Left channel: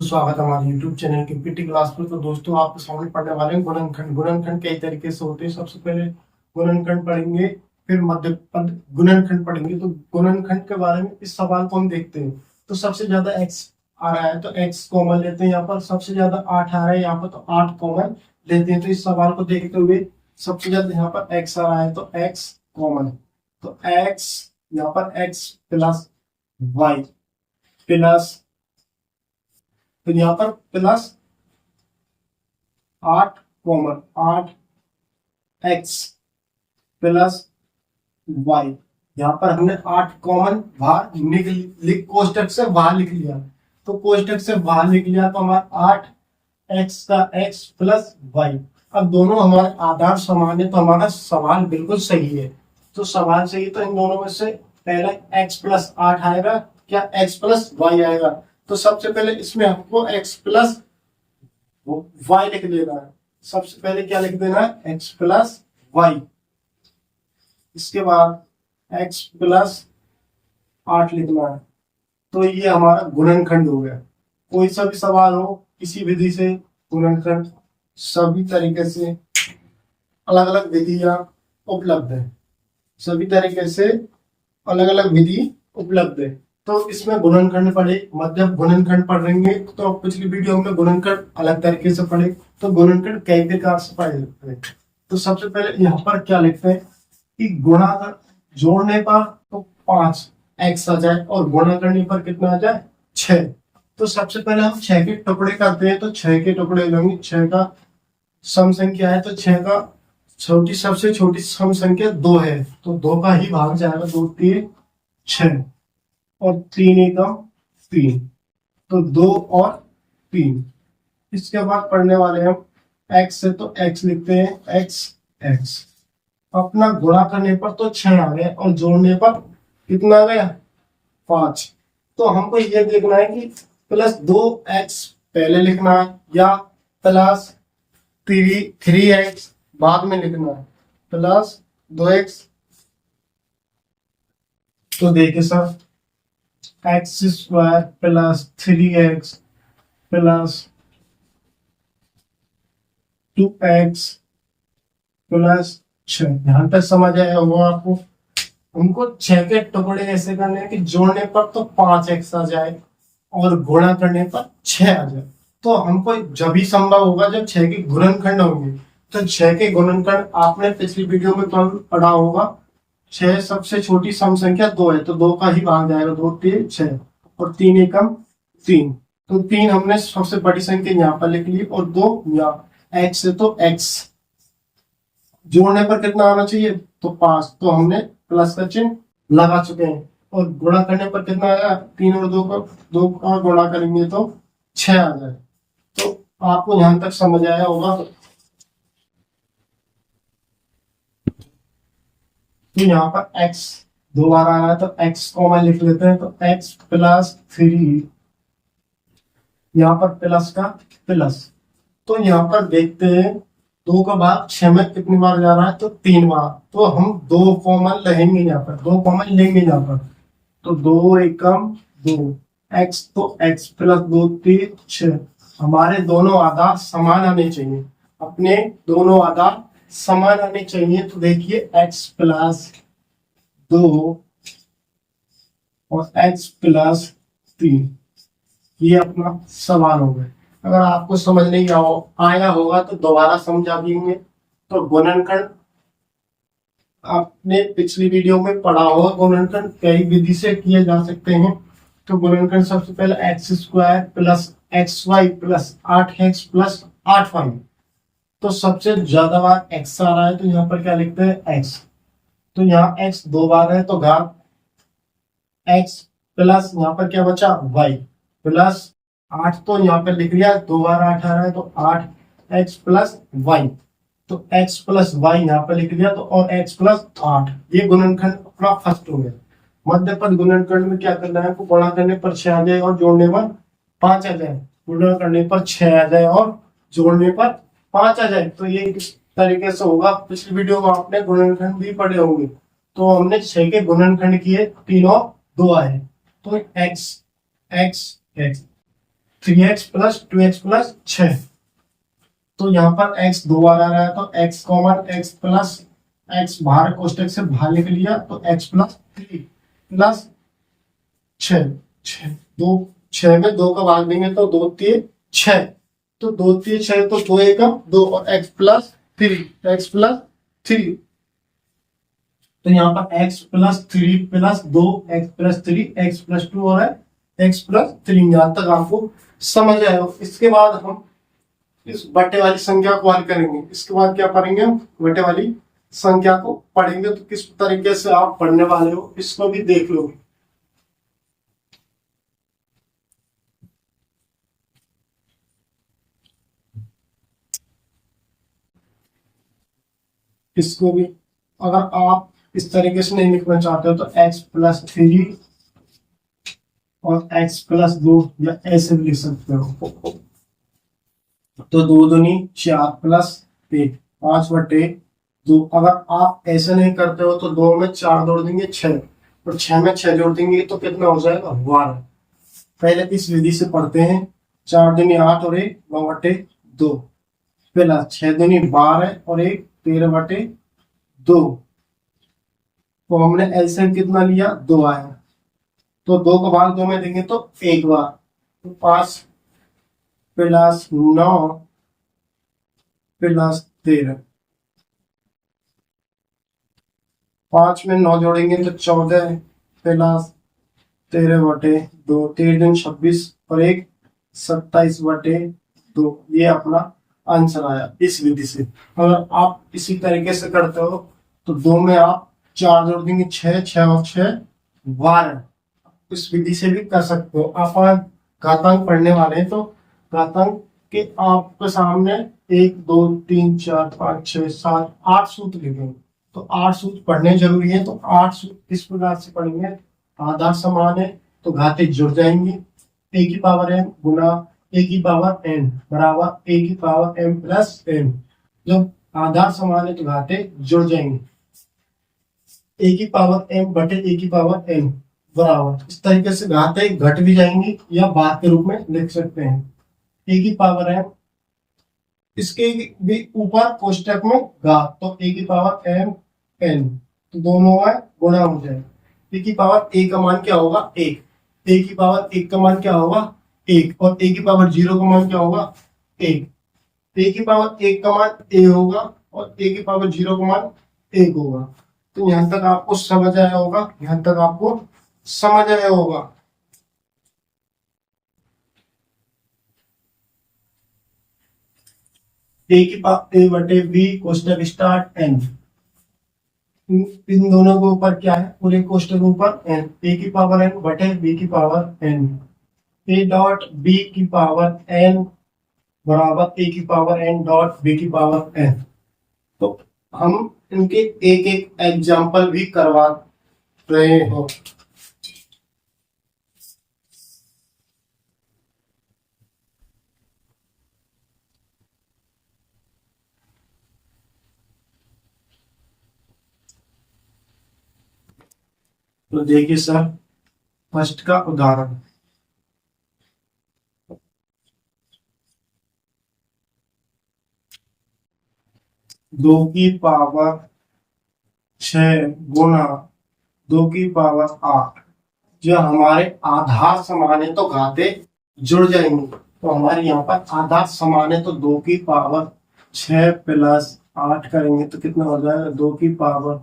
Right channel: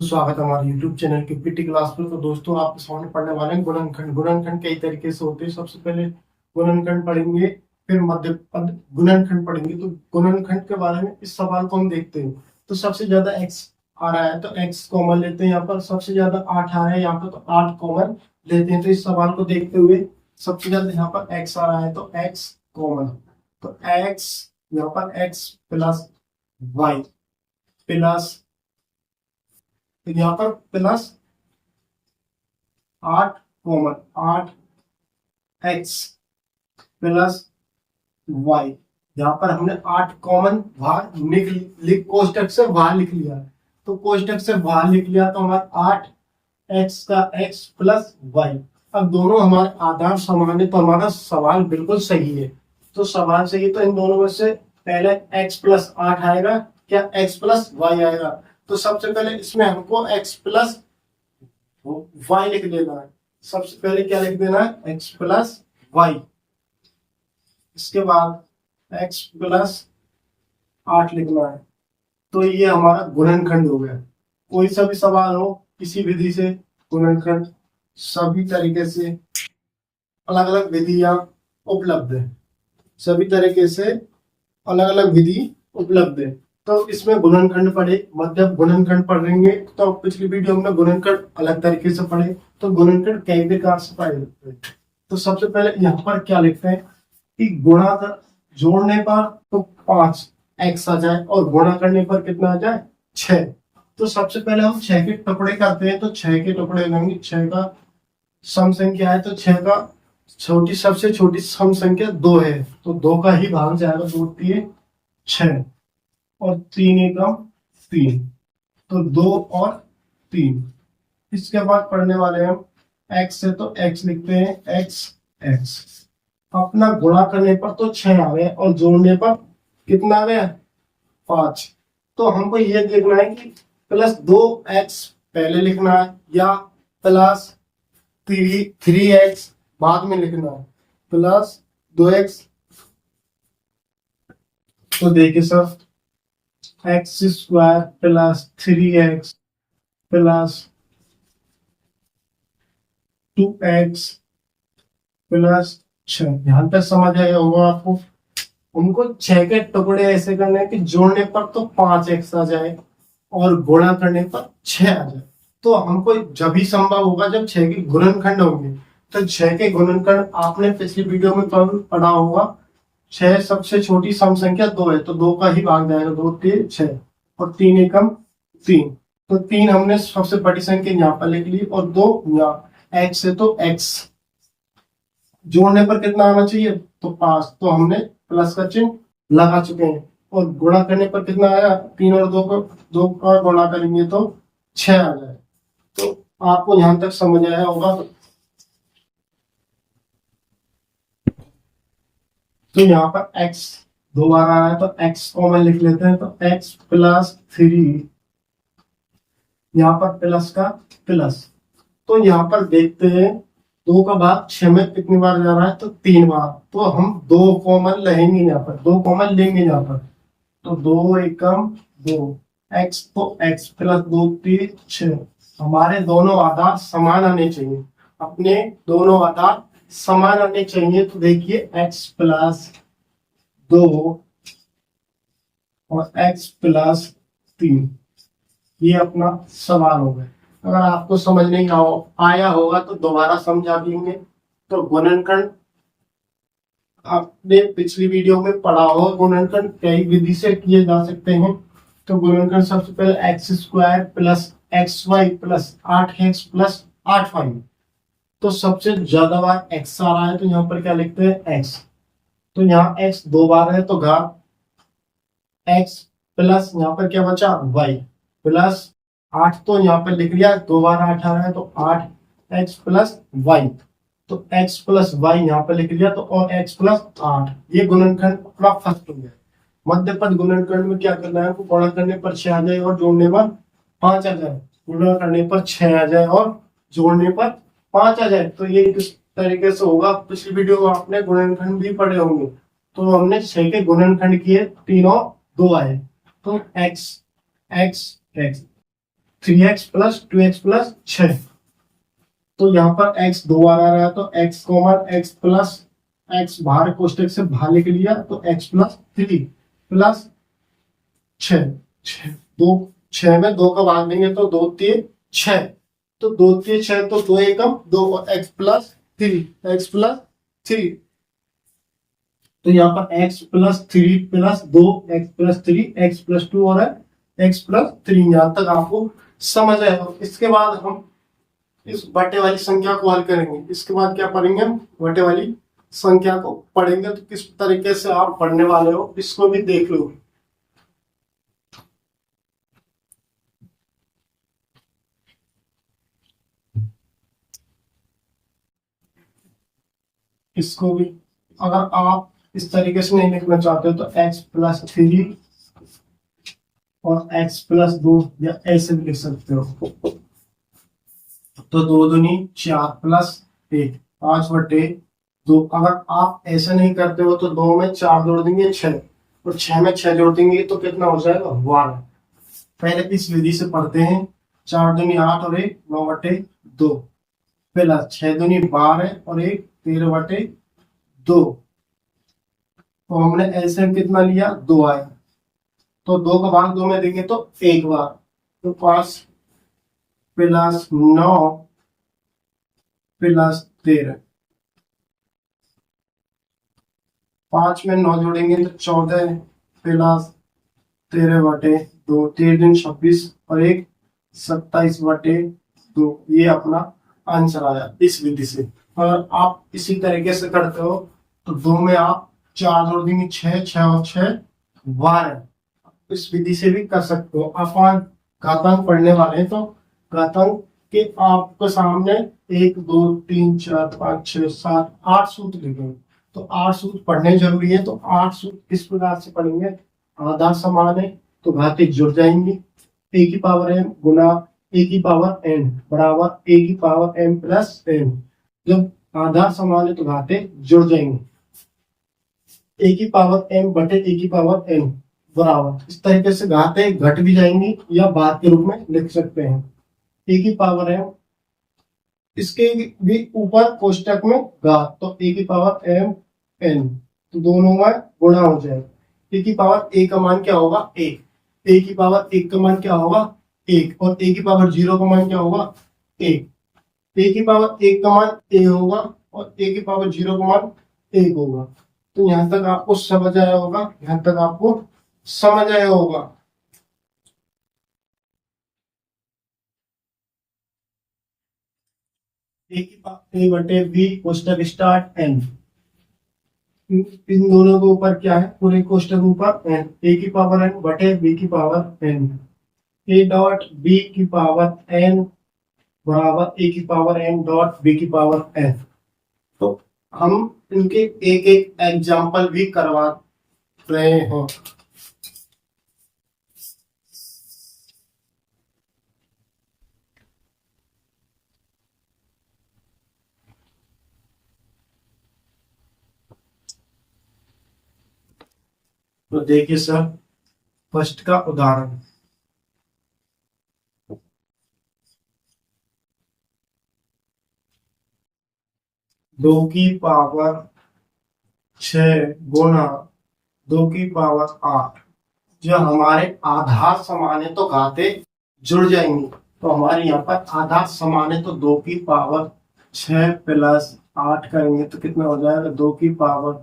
स्वागत है हमारे YouTube चैनल की पीटी क्लास पर। तो दोस्तों आपके सामने पढ़ने वाले हैं गुणनखंड। गुणनखंड कई तरीके से होते हैं। सबसे पहले गुणनखंड पढ़ेंगे, फिर मध्य पद गुणनखंड पढ़ेंगे। तो गुणनखंड के बारे में इस सवाल को हम देखते हैं। तो सबसे ज्यादा x आ रहा है तो x कॉमन लेते हैं। यहाँ पर सबसे ज्यादा 8 आ रहा है यहाँ पर, तो 8 कॉमन लेते हैं। तो इस सवाल को देखते हुए सबसे ज्यादा यहाँ पर x आ रहा है तो x कॉमन, तो x यहाँ पर x प्लस वाई प्लस, तो यहाँ पर plus 8 common 8x plus Y. यहाँ पर हमने 8 कॉमन बाहर कोष्टक से बाहर लिख लिया। तो कोष्टक से बाहर लिख लिया तो हमारा 8x का x प्लस वाई। अब दोनों हमारे आधार समान है तो हमारा सवाल बिल्कुल सही है। तो सवाल सही है तो इन दोनों में से पहले x प्लस 8 आएगा क्या x प्लस वाई आएगा। तो सबसे पहले इसमें हमको x प्लस वाई लिख देना है। सबसे पहले क्या लिख देना है, x प्लस वाई। इसके बाद x प्लस 8 लिखना है। तो ये हमारा गुणनखंड हो गया। कोई सा भी सवाल हो किसी विधि से गुणनखंड, सभी तरीके से अलग अलग विधियां उपलब्ध है। सभी तरीके से अलग अलग विधि उपलब्ध है। तो इसमें गुणनखंड पढ़े, मध्य गुणनखंड पढ़ेंगे। तो पिछली वीडियो में गुणनखंड अलग तरीके से पढ़े। तो गुणनखंड कई प्रकार से पढ़े जाते हैं। तो सबसे पहले यहाँ पर क्या लिखते हैं कि गुणा कर जोड़ने पर तो 5x आ जाए और गुणा करने पर कितना आ जाए 6। तो सबसे पहले हम 6 के टुकड़े करते हैं। तो 6 के टुकड़े लेंगे। 6 का सम संख्या है तो 6 का सबसे छोटी सम संख्या 2 है तो 2 का ही भाग जाएगा। 2 3 6 और 3 एकम 3, तो 2 और 3। इसके बाद पढ़ने वाले हम x से, तो x लिखते हैं x। अपना गुणा करने पर तो 6 आ गया और जोड़ने पर कितना आ गया 5। तो हमको ये देखना है कि प्लस 2x पहले लिखना है या प्लस 3x बाद में लिखना है, प्लस 2x। तो देखिए sir, x square plus 3x plus 2x plus 6। यहाँ तक समझ आया होगा आपको। हमको 6 के टुकड़े ऐसे करने हैं कि जोड़ने पर तो 5x आ जाए और गुणा करने पर 6 आ जाए। तो हमको जब भी संभव होगा जब 6 के गुणनखंड होंगे। तो 6 के गुणनखंड आपने पिछली वीडियो में पढ़ा होगा। 6 सबसे छोटी सम संख्या 2 है तो 2 का ही भाग जाएगा। 2 3 6 और 3 एकम 3, तो 3 हमने सबसे बड़ी संख्या यहाँ पर लिख ली और 2 यहाँ। x से तो x जोड़ने पर कितना आना चाहिए तो 5, तो हमने प्लस का चिन्ह लगा चुके हैं। और गुणा करने पर कितना आया, 3 और 2 का गुणा करेंगे तो 6 आ जाए। तो आपको यहां तक समझ आया होगा। तो यहाँ पर x 2 बार आ रहा है तो x कॉमन लिख लेते हैं। तो x प्लस 3, यहाँ पर प्लस का प्लस। तो यहाँ पर देखते हैं 2 का भाग 6 में कितनी बार जा रहा है तो 3 बार। तो हम 2 कॉमन लेंगे यहाँ पर, 2 कॉमन लेंगे यहाँ पर। तो 2 एकम 2, x तो x प्लस 2 3 6। हमारे दोनों आधार समान आने चाहिए, अपने दोनों आधार समान आने चाहिए। तो देखिए x प्लस 2 और x प्लस 3, ये अपना सवाल हो गया। अगर आपको समझ नहीं आया होगा तो दोबारा समझा देंगे। तो गुणनखंड आपने पिछली वीडियो में पढ़ा होगा। गुणनखंड कई विधि से किए जा सकते हैं। तो गुणनखंड सबसे पहले x square plus x y plus 8x plus 8y। तो सबसे ज्यादा बार x आ रहा है तो यहाँ पर क्या लिखते हैं x। तो यहाँ x 2 बार है तो घात x प्लस यहाँ पर क्या बचा y प्लस 8। तो यहाँ पे लिख लिया 2 बार 8 आ रहा है तो 8x प्लस वाई। तो x प्लस वाई यहाँ पे लिख लिया तो और x प्लस 8। ये गुणनखंड अपना फर्स्ट हो गया। मध्य पद गुणनखंड में क्या करना है, गुणा करने पर 6 आ जाए और जोड़ने पर 5 आ जाए। गुणा करने पर 6 आ जाए और जोड़ने पर 5 आ जाए। तो ये किस तरीके से होगा, पिछली वीडियो में आपने गुणनखंड भी पढ़े होंगे। तो हमने 6 के गुणनखंड किए, 3 और 2 आए। तो x x x 3x plus 2x plus 6। तो यहाँ पर x 2 बार आ रहा है तो x common, x plus x बाहर कोष्टक से बाहर लिख लिया तो x प्लस 3 प्लस 6। 6 में 2 का भाग देंगे तो 2 3 6, तो 2 3 6 तो 2 एकम 2 और x प्लस 3, x प्लस 3। तो यहाँ पर x plus 3 plus 2, x plus 3, x plus 2 और x प्लस 3। यहाँ तक आपको समझ आया। इसके बाद हम इस बटे वाली संख्या को हल करेंगे। इसके बाद क्या पढ़ेंगे हम, बटे वाली संख्या को पढ़ेंगे। तो किस तरीके से आप पढ़ने वाले हो इसको भी देख लो। इसको भी अगर आप इस तरीके से नहीं लिखना चाहते हो तो x प्लस 3 और x प्लस 2 या ऐसे भी लिख सकते हो। तो 2 दूनी 4 प्लस 1 5 बटे 2। अगर आप ऐसे नहीं करते हो तो 2 में 4 जोड़ देंगे 6 और 6 में 6 जोड़ देंगे तो कितना हो जाएगा 12। पहले इस विधि से पढ़ते हैं। 4 दूनी 8 और 1 9 बटे 2 प्लस 6 दूनी 12 और 1 13 बटे 2। तो हमने एलसीएम कितना लिया 2 आया, तो 2 का भाग 2 में देंगे तो 1 बार, तो 5 प्लस 9 प्लस 13। 5 में 9 जोड़ेंगे तो 14 प्लस 13 बटे 2, 13 दिन 26 और 1 27 बटे 2। ये अपना आंसर आया इस विधि से। अगर आप इसी तरीके से करते हो तो 2 में आप 4 जोड़ देंगे 6, 6 और 6 12। इस विधि से भी कर सकते हो। आप घातांक पढ़ने वाले हैं तो घातांक के आपके सामने 1 2 3 4 5 6 7 8 सूत्र लिखे, तो 8 सूत्र पढ़ने जरूरी है। तो 8 सूत्र इस प्रकार से पढ़ेंगे। आधार समान है तो घाते जुड़ जाएंगे। a की पावर m गुना a की पावर n बराबर a की पावर m प्लस n। जब आधार समान है तो घाते जुड़ जाएंगे। a की पावर m बटे a की पावर n बराबर, इस तरीके से घाते घट भी जाएंगी या बाद के रूप में लिख सकते हैं। a की पावर m, इसके भी ऊपर कोष्टक में घात, तो a की पावर m n, तो दोनों में गुणा हो जाएगा। a की पावर a का मान क्या होगा 1, a की पावर 1 का मान क्या होगा 1, और a की पावर 0 का मान क्या होगा 1। a की पावर 1 का मान a होगा और a की पावर 0 का मान 1 होगा। तो यहां तक आपको समझ आया होगा, यहां तक आपको समझ आया होगा। a की पावर a बटे b कोष्टक स्टार्ट n, इन दोनों के ऊपर क्या है पूरे कोष्टक ऊपर n, a की पावर n बटे b की power n, a dot b की पावर n बराबर a की पावर n डॉट b की पावर n। तो हम इनके एक एक एग्जाम्पल भी करवा रहे हो। तो देखिए सर, फर्स्ट का उदाहरण, दो की पावर 6 गुना 2 की पावर 8। जो हमारे आधार समान है तो घाते जुड़ जाएंगे। तो हमारे यहाँ पर आधार समान है तो 2 की पावर 6 प्लस 8 करेंगे तो कितना हो जाएगा 2 की पावर